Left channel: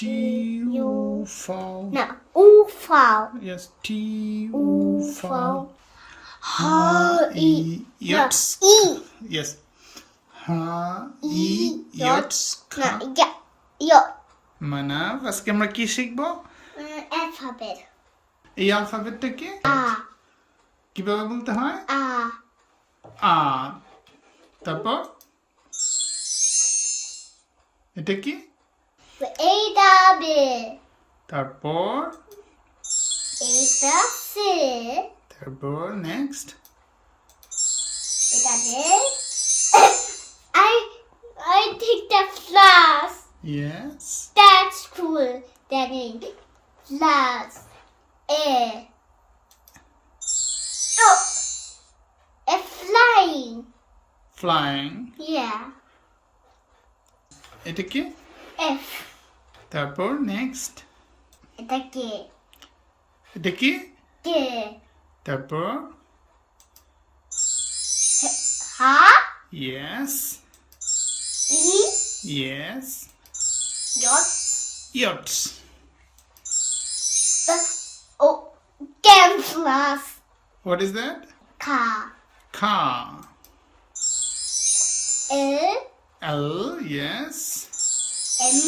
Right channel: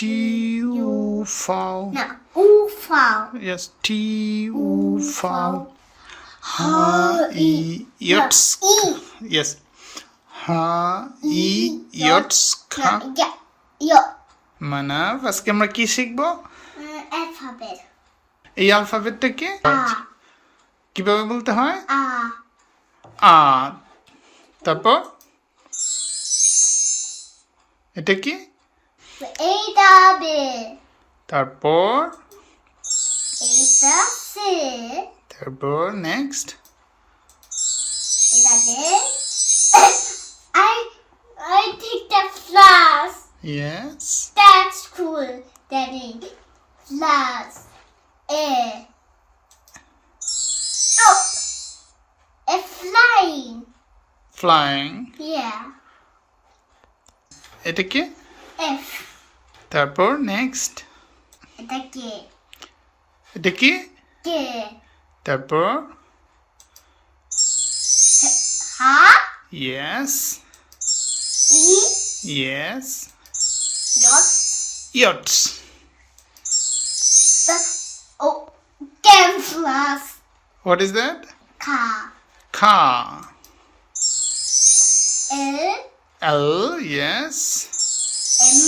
T-U-V. No, U-V. Yes, T-U-V. Ha-I-Yotsk. Yes. Ha-I-Yotska. Yo. Manaf আজকে আমরা কি শিখবো? Alphabet. এই অ্যালফাবেটটা কি? কিভাবে বলতে হয়? আ। তারপর এটা কি? এটা বে। তারপর এটা সে। তারপর নেক্সট এটা দে। I think the flowers. Yes. That's cool. Daddy. Flowers. Oh. It's flying. Flying. Yeah. এটা কি? F. তারপর নেক্সট এটা কে? এটা কি? কে? তারপর হা? Yes. E? Yes. Yot? Yots. Oh. Camouflage. What is that? Car. Car. L. L. Yes. M.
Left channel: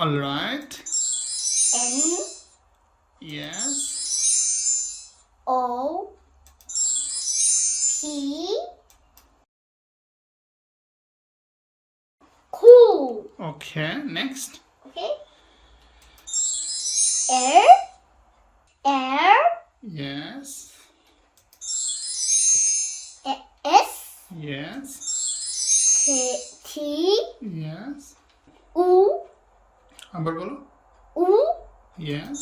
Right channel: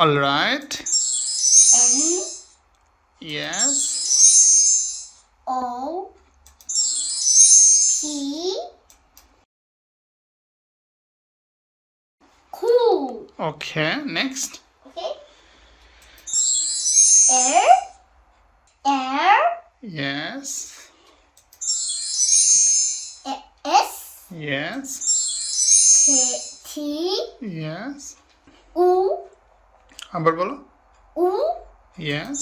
All right. N. Yes. O. P. Q. Okay. Next. Okay. R. R. Yes. S. Yes. T. Yes. U. আবার বলো. U. Yes.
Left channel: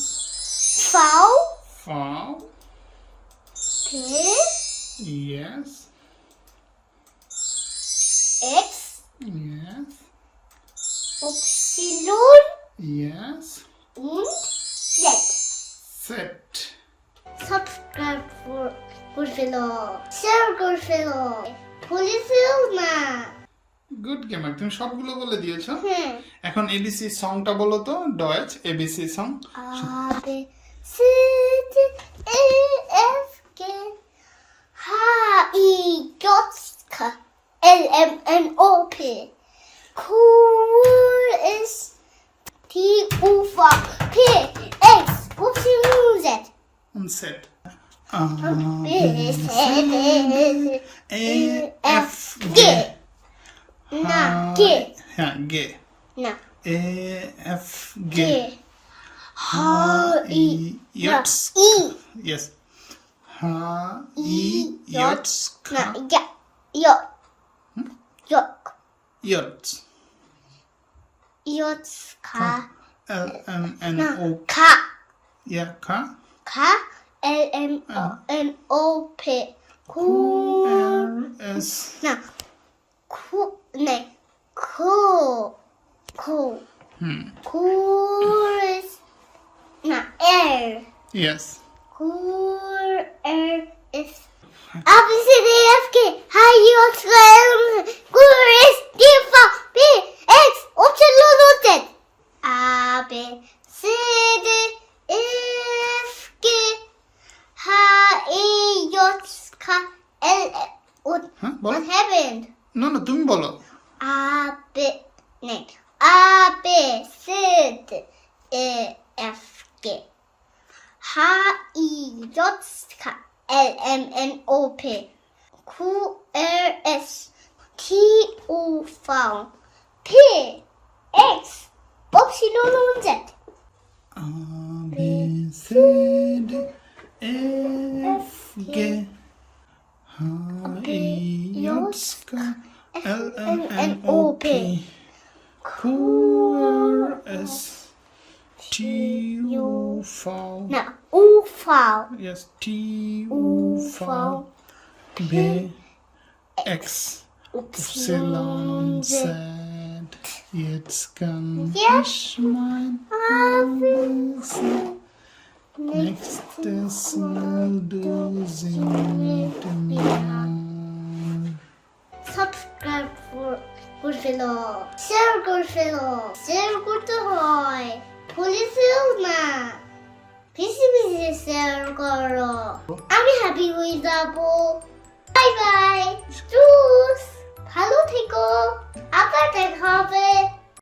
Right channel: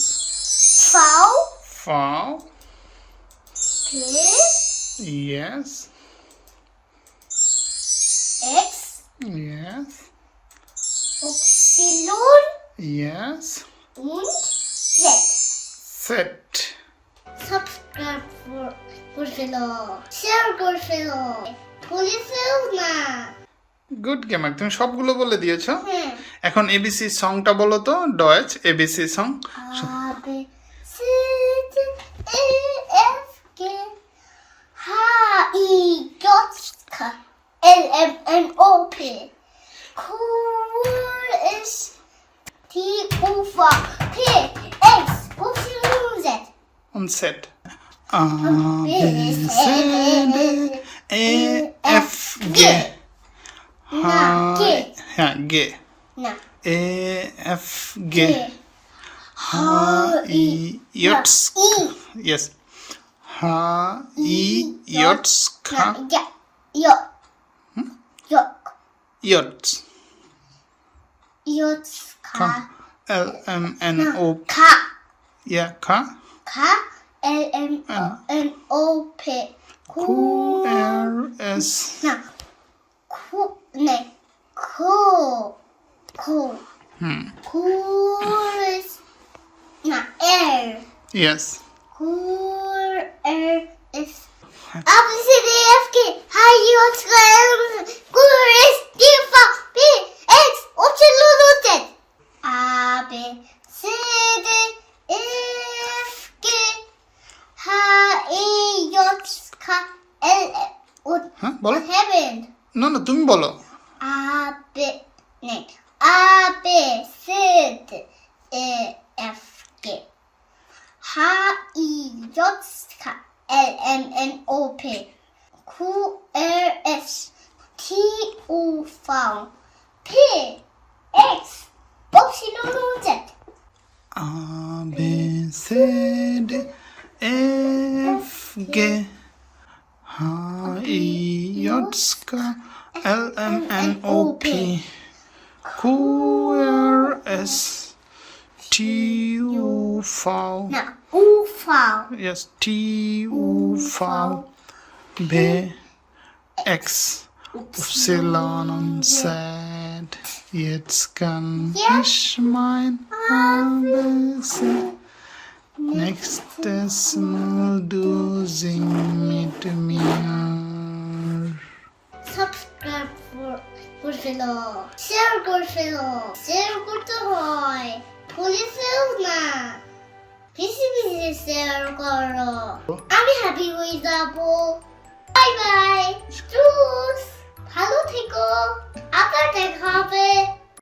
V. Foul. P. Yes. X. Yes. Epsilon. Yes. Und Z. Set. Subscribe for good fellow. Share good fellow. Police না. Good gamer, তুমি সবগুলো বলে দিয়েছো। হ্যাঁ। এখন ABC সংটা বলো তো, Deutsch ABC song. A B C D E F G H I J K L M N O P Q S T U V P X Y Z. On set. A B C D E F G হ্যাঁ গে না A F gay Ha E ইয়টস yes হা ই ইয়টস খা Yok. Yok. ইয়টস Yok. খা L M N O Ka. ইয়া খা Ka. L M N O P. Q R S না Ku. Ne. Ku. Ku. Chorus. Na R. Yes Chorus. A B C D E F G H I J K L M N Chorus D F P X Y Z. A B C D E F G H I J K L M. হ্যাঁ বলো। What happened? না না তুমি বলো। A B no. A B C D E F G H I J K L M N O P Q R S T U V P X Y Z. A B C D E F G H I J K L M N O P Q R S T U V No, U V yes T U V B X Epsilon und Z. Jetzt kann ich mein ABC. Nächstes Mal du sing mit mir. Subscribe for good fellow. Share good fellow. Share good to ভুলেছেও না বেশি বেশি share করো আমি happy হয়ে যাব bye bye choose ভালো থেকো আবার দেখা হবে